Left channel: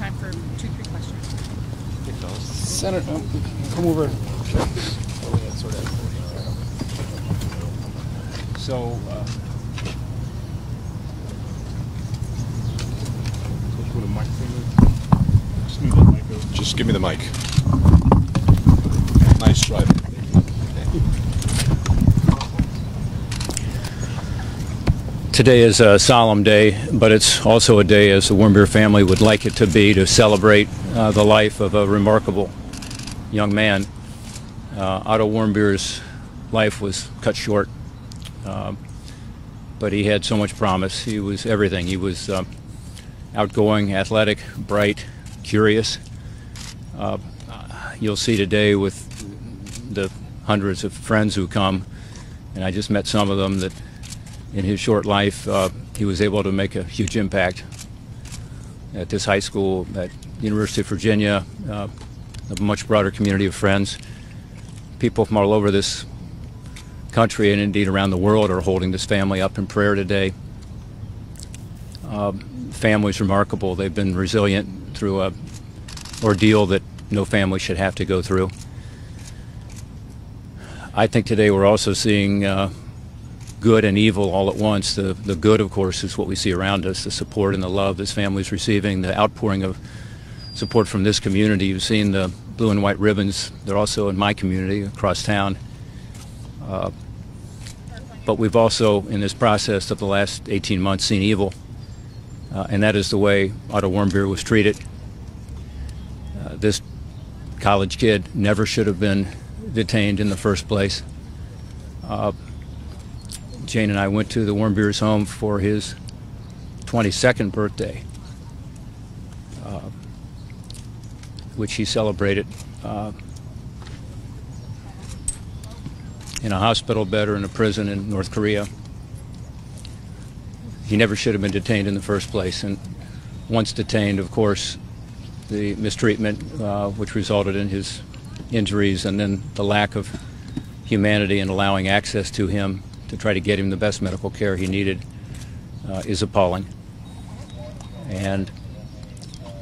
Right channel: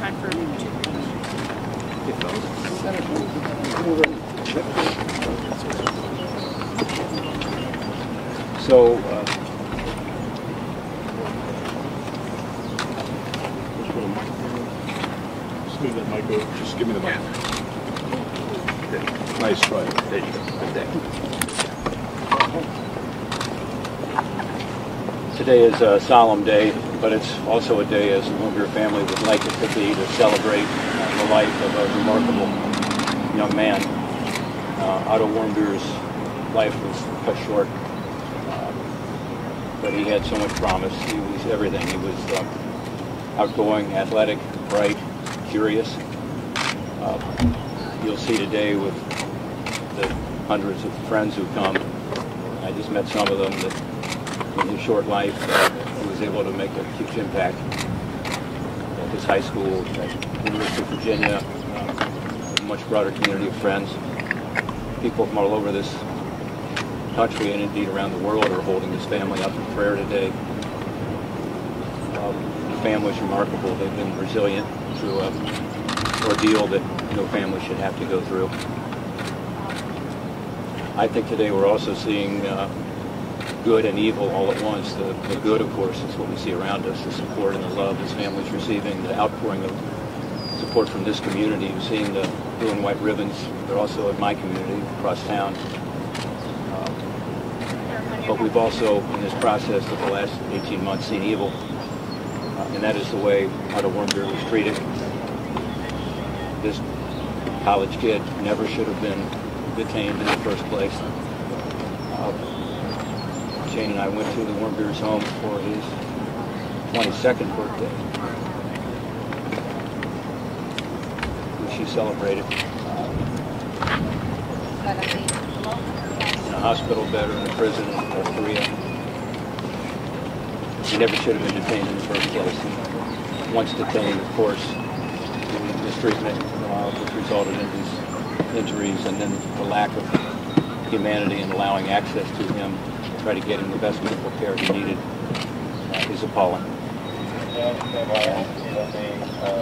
time for 2 questions. Senator, come over. So, just give me the mic. Nice try. There you go. today is a solemn day, but it's also a day, as the Warmbier family would like it to be, to celebrate the life of a remarkable young man. Otto Warmbier's life was cut short, but he had so much promise. He was everything. He was outgoing, athletic, bright, curious. You'll see today with the hundreds of friends who come, and I just met some of them, that in his short life he was able to make a huge impact at this high school, at University of Virginia, with a much broader community of friends. People from all over this country and indeed around the world are holding this family up in prayer today. The family's remarkable. They've been resilient through an ordeal that no family should have to go through. I think today we're also seeing good and evil all at once. The good, of course, is what we see around us, the support and the love this family's receiving, the outpouring of support from this community. You've seen the blue and white ribbons. They're also in my community across town. But we've also, in this process of the last 18 months, seen evil, and that is the way Otto Warmbier was treated. This college kid never should have been detained in the first place. Jane and I went to the Warmbier's home for his 22nd birthday, which he celebrated in a hospital bed or in a prison in North Korea. He never should have been detained in the first place, and once detained, of course, the mistreatment which resulted in his injuries, and then the lack of humanity in allowing access to him to try to get him the best medical care he needed is appalling. And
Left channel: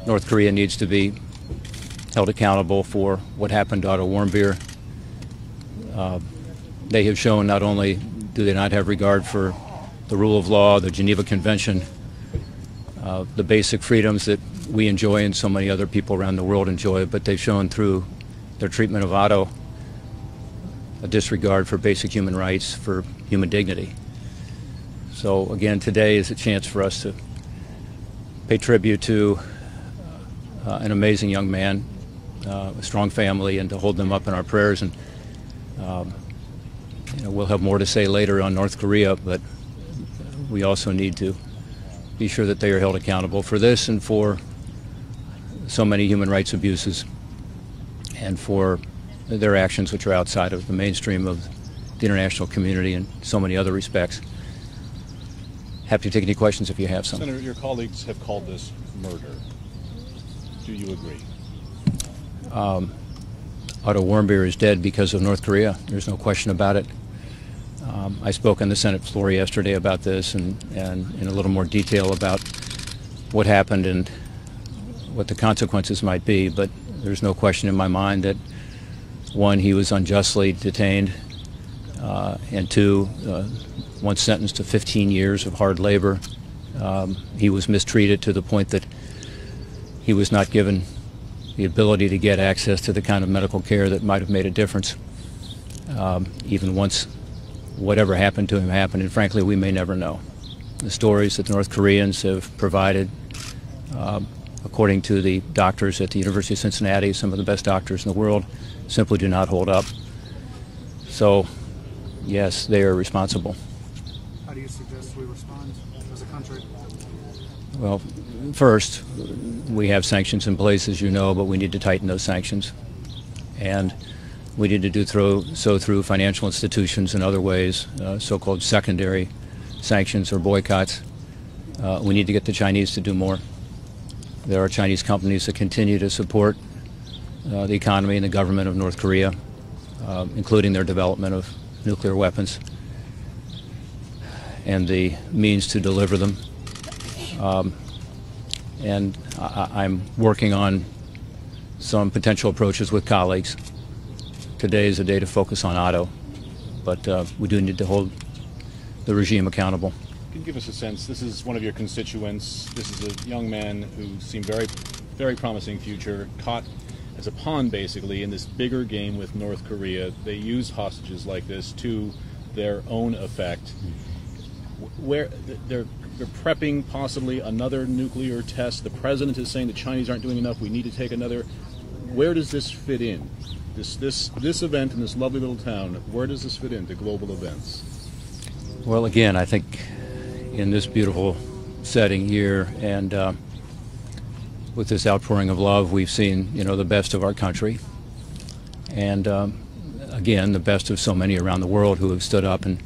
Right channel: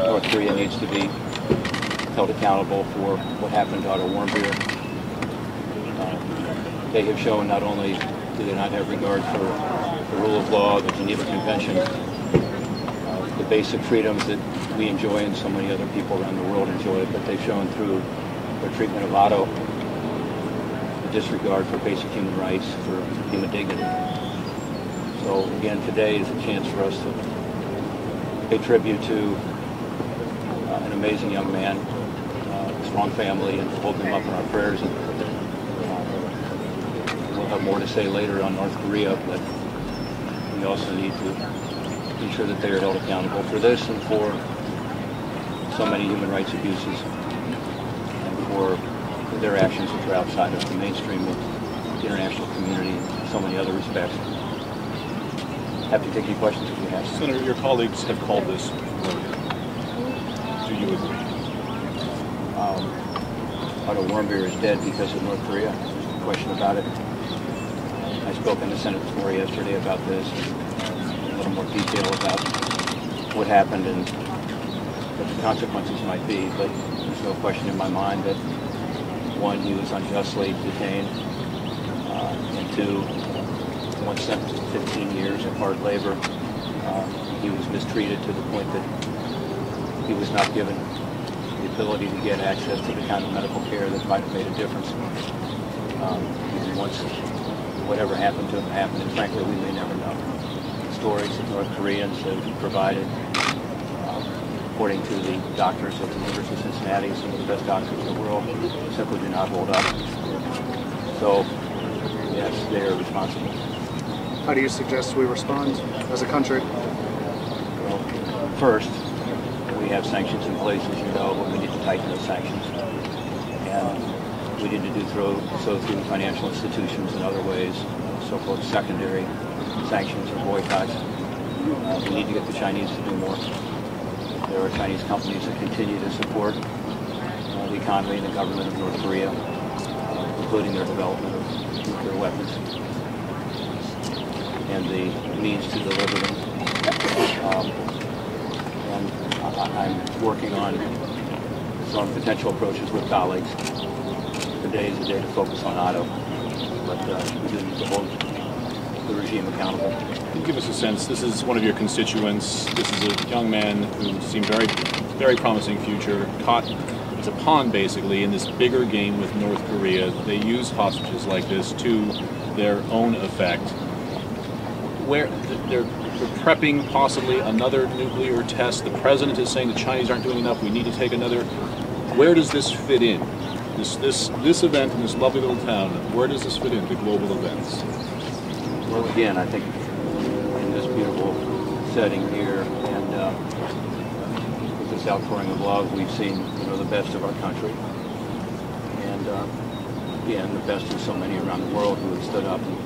North Korea needs to be held accountable for what happened to Otto Warmbier. They have shown not only do they not have regard for the rule of law, the Geneva Convention, the basic freedoms that we enjoy and so many other people around the world enjoy, but they've shown through their treatment of Otto a disregard for basic human rights, for human dignity. So again, today is a chance for us to pay tribute to an amazing young man, a strong family, and to hold them up in our prayers. And we'll have more to say later on North Korea, but we also need to be sure that they are held accountable for this and for so many human rights abuses, and for their actions which are outside of the mainstream of the international community in so many other respects. Happy to take any questions if you have some. Senator, your colleagues have called this murder. Do you agree? Otto Warmbier is dead because of North Korea. There's no question about it. I spoke on the Senate floor yesterday about this and in a little more detail about what happened and what the consequences might be, but there's no question in my mind that, one, he was unjustly detained, and two, once sentenced to 15 years of hard labor, he was mistreated to the point that he was not given the ability to get access to the kind of medical care that might have made a difference. Even once whatever happened to him happened, and frankly, we may never know. The stories that North Koreans have provided, according to the doctors at the University of Cincinnati, some of the best doctors in the world, simply do not hold up. So, yes, they are responsible. How do you suggest we respond as a country? Well, first, we have sanctions in place, as you know, but we need to tighten those sanctions. And we need to do so through financial institutions and other ways, so-called secondary sanctions or boycotts. We need to get the Chinese to do more. There are Chinese companies that continue to support the economy and the government of North Korea, including their development of nuclear weapons and the means to deliver them. and I'm working on some potential approaches with colleagues. Today is a day to focus on Otto, but we do need to hold the regime accountable. Give us a sense. This is one of your constituents. This is a young man who seemed very promising future, caught as a pawn basically in this bigger game with North Korea. They use hostages like this to their own effect. Where they're prepping possibly another nuclear test. The president is saying the Chinese aren't doing enough. We need to take another. Where does this fit in? This event in this lovely little town. Where does this fit in the global events? Well, again, I think in this beautiful setting here and with this outpouring of love, we've seen, the best of our country, and again, the best of so many around the world who have stood up and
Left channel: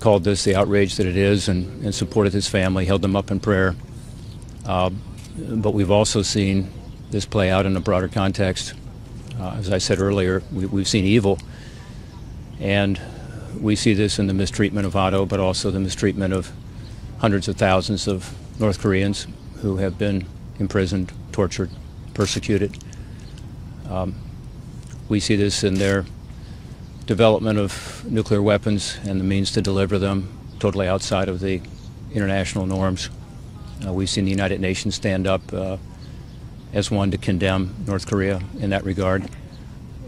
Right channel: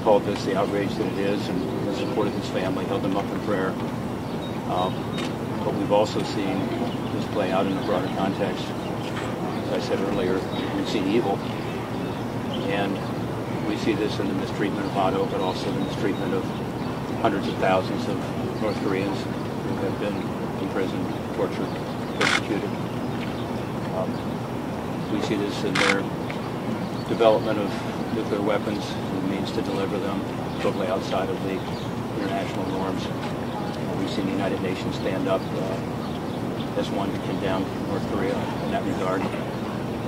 called this the outrage that it is, and supported his family, held them up in prayer. But we've also seen this play out in a broader context. As I said earlier, we've seen evil, and we see this in the mistreatment of Otto, but also the mistreatment of hundreds of thousands of North Koreans who have been imprisoned, tortured, persecuted. We see this in their development of nuclear weapons and the means to deliver them totally outside of the international norms. We've seen the United Nations stand up as one to condemn North Korea in that regard.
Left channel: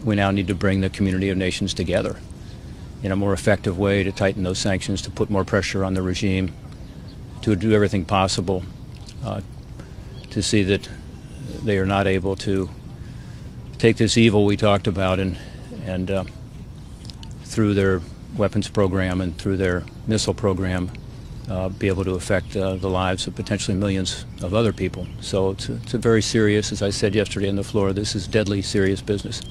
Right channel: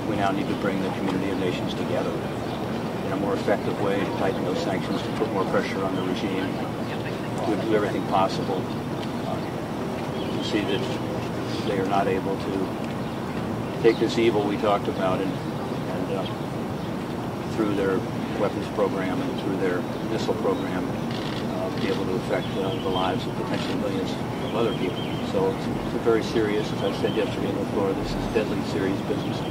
We now need to bring the community of nations together in a more effective way to tighten those sanctions, to put more pressure on the regime, to do everything possible to see that they are not able to take this evil we talked about and through their weapons program and through their missile program be able to affect the lives of potentially millions of other people. So it's a very serious, as I said yesterday on the floor, this is deadly serious business.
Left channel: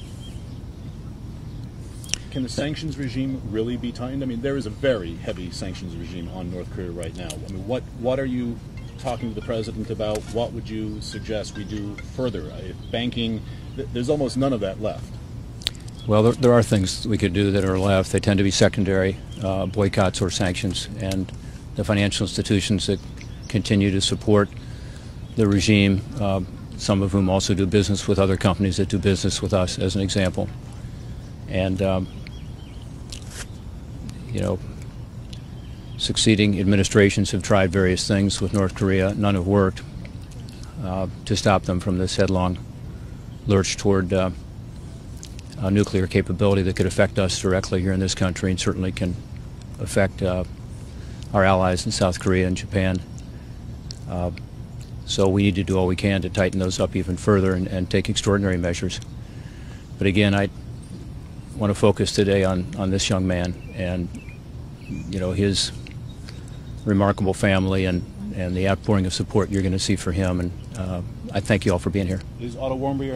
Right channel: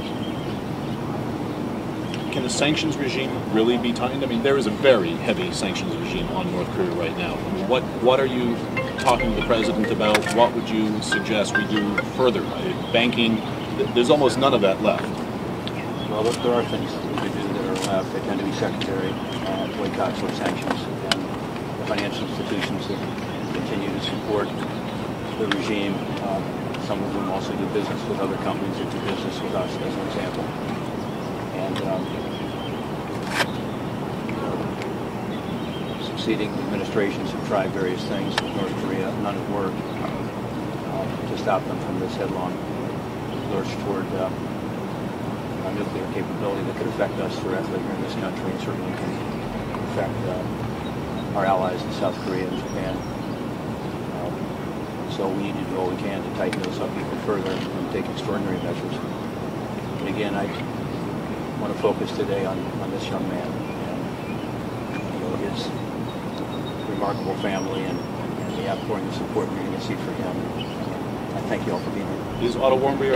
Can the sanctions regime really be tightened? I mean, there is a very heavy sanctions regime on North Korea right now. I mean, what are you talking to the president about? What would you suggest we do further? Banking, there's almost none of that left. Well, there are things we could do that are left. They tend to be secondary, boycotts or sanctions, and the financial institutions that continue to support the regime, some of whom also do business with other companies that do business with us, as an example. And succeeding administrations have tried various things with North Korea. None have worked to stop them from this headlong lurch toward a nuclear capability that could affect us directly here in this country, and certainly can affect our allies in South Korea and Japan. So we need to do all we can to tighten those up even further and take extraordinary measures. But again, I want to focus today on this young man and his remarkable family and the outpouring of support you're going to see for him. And I thank you all for being here. Is Otto Warmbier